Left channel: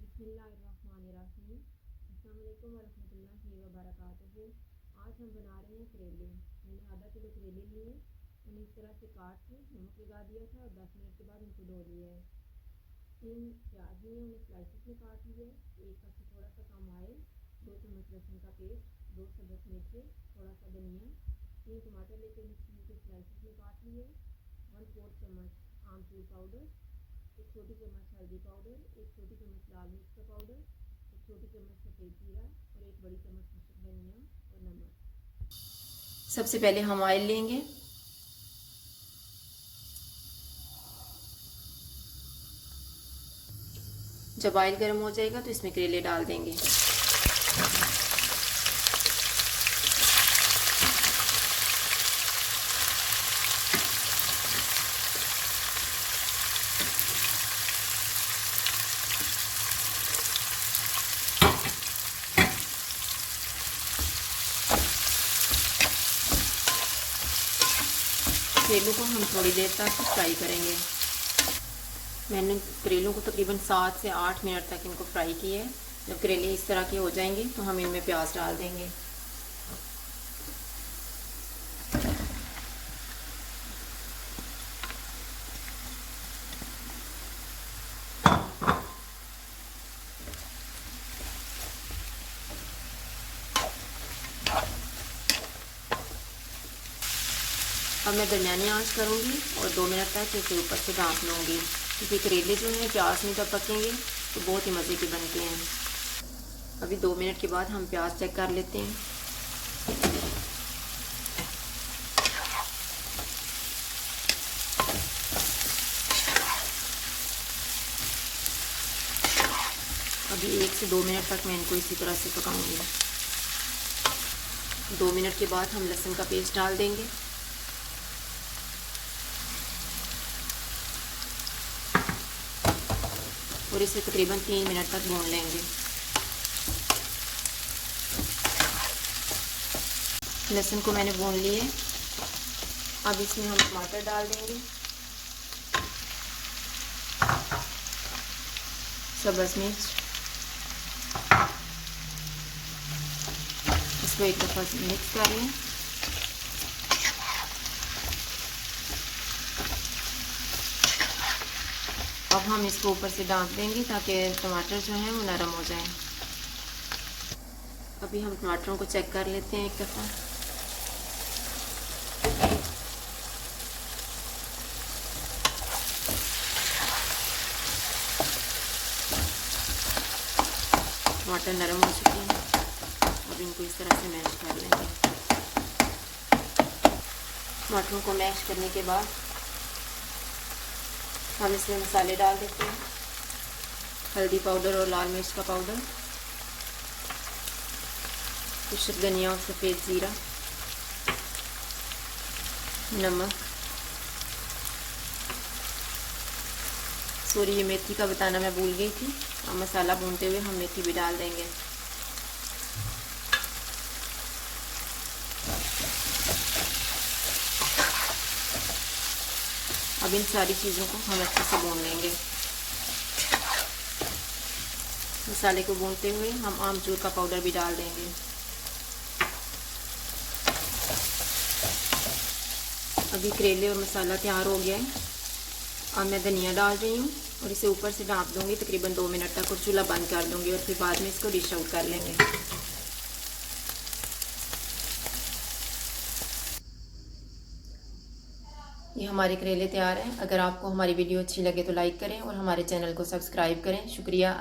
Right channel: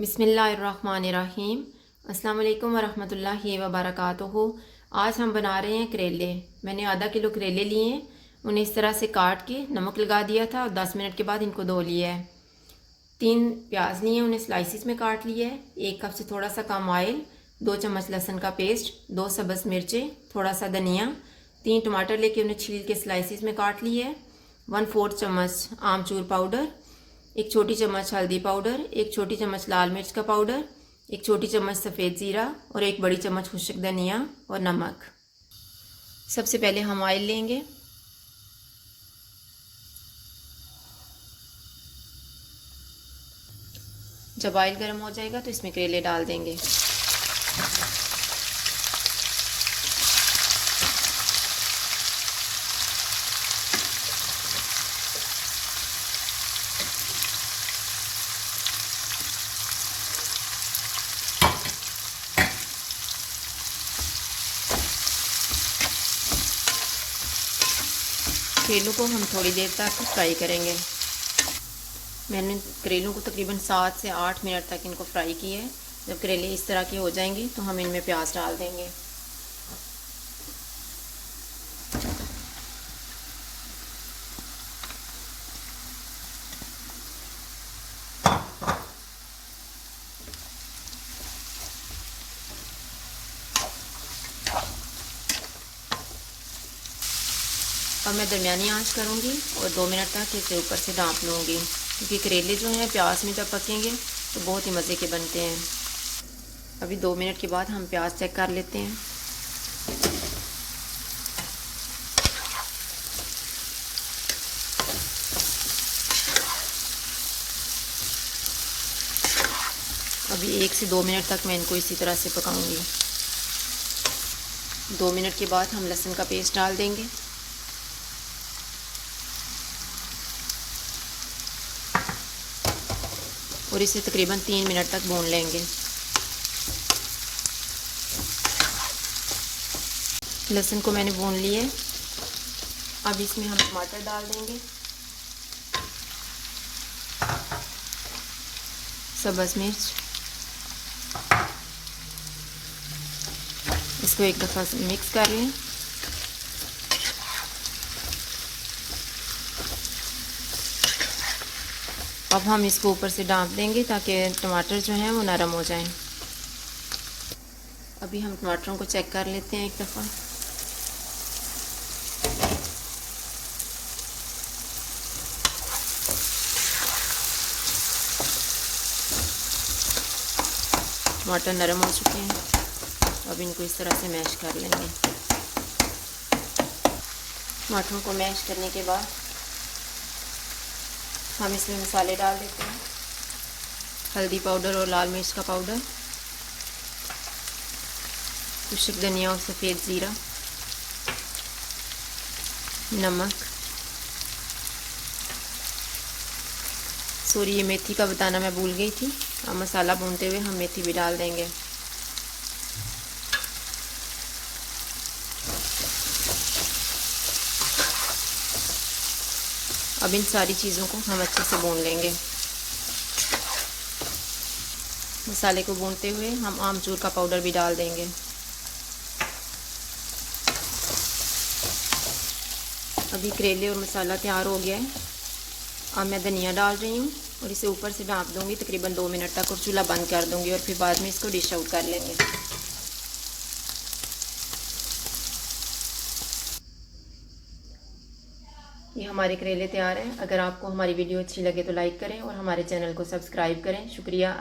बिस्मिल्लाहिर्रहमानिर्रहीम। अस्सलाम वालेकुम वरहमतुल्लाहि वबरकातुहू। आज हम बना रहे हैं करेले। मैंने आधा किलो करेले लिए हैं, उन्हें इस तरह से काट के नमक लगा दिया था और 10 मिनट के बाद इनको धो लिया है। 3 प्याज लिए हैं, उन्हें स्लाइसिस में काट लिया है। 1 कप से थोड़ा सा कम ऑयल, 2 चम्मच लहसुन का पेस्ट, 2 सब्ज़ मिर्चें, थोड़ा सा धनिया, 3 टमाटर लेके उन्हें छील के स्लाइसिस में काट लिया है। 1/4 चम्मच आमचूर पाउडर, 1 छोटी चम्मच हल्दी पाउडर, 1 छोटी चम्मच लाल मिर्च का पाउडर, 1 छोटी चम्मच सफ़ेद ज़ीरा और 1 बड़ी चम्मच खुश्क धनिया और नमक। सबसे पहले हम ऑयल लेंगे। जब ऑयल गर्म हो जाएगा तो इसमें करेले डाल देंगे। करेलों को हम थोड़ी देर तक फ्राई करेंगे। मैंने करेलों को तकरीबन 7 से 8 मिनट तक इनको फ्राई किया है। जब करेले इस तरह के हो जाएंगे तो हम इनमें प्याज डाल देंगे। अब मैं दरमियानी आंच करूँगी और 2 मिनट तक इसे ऊपर से ढाँप लूँगी, क्योंकि करेले जो हैं प्याज में जब पकेंगे तो बहुत ही मज़े के बनते हैं। अभी 2 मिनट के बाद हम प्याज चेक कर लेते हैं। अभी 1 से 2 मिनट तक मैं इनको इसी तरह से पकाऊंगी। 2 मिनट के बाद हम लहसुन का पेस्ट डाल देंगे। और इसे तकरीबन 3 मिनट तक भून लेंगे। लहसुन को मैंने भून लिया है। अब इसमें हम टमाटर डाल देंगे, सब्ज़ मिर्च, इसको एक दफ़ा मिक्स कर लें। अब हम इसको ऊपर से ढाँप देंगे ताकि टमाटर जो हैं वो नरम हो जाएं। अभी हम टमाटरों को चेक कर लेते हैं एक दफ़ा। टमाटर नरम हो चुके हैं। अब इनको इस तरह से मैश कर लेंगे। टमाटरों को मैश करने के बाद हम इसमें मसाले डाल देते हैं। हल्दी पाउडर और लाल मिर्च का पाउडर, खुश्क धनिया और सफ़ेद ज़ीरा, नमक। सॉरी, ये मेथी का बताना मैं भूल गई थी। अब मसाला भूनते हुए हम मेथी भी डाल देंगे। अब इन सारी चीज़ों को हम अच्छे से भून लेंगे। मसाले को भूनते हुए हम आमचूर का पाउडर भी डाल देंगे। अभी करेले और मसाला तैयार हो गया है। अब मैं धनिया डाल रही हूँ और इसे ऊपर से ढाँप दूँगी तकरीबन 2 मिनट तक और चूल्हा बंद कर दूँगी और फिर बाद में इसको डिश आउट कर लेंगे। ये हमारे करेले तैयार हैं। अगर आपको हमारी वीडियो अच्छी लगे तो लाइक करें और हमारे चैनल को सब्सक्राइब करें। शुक्रिया।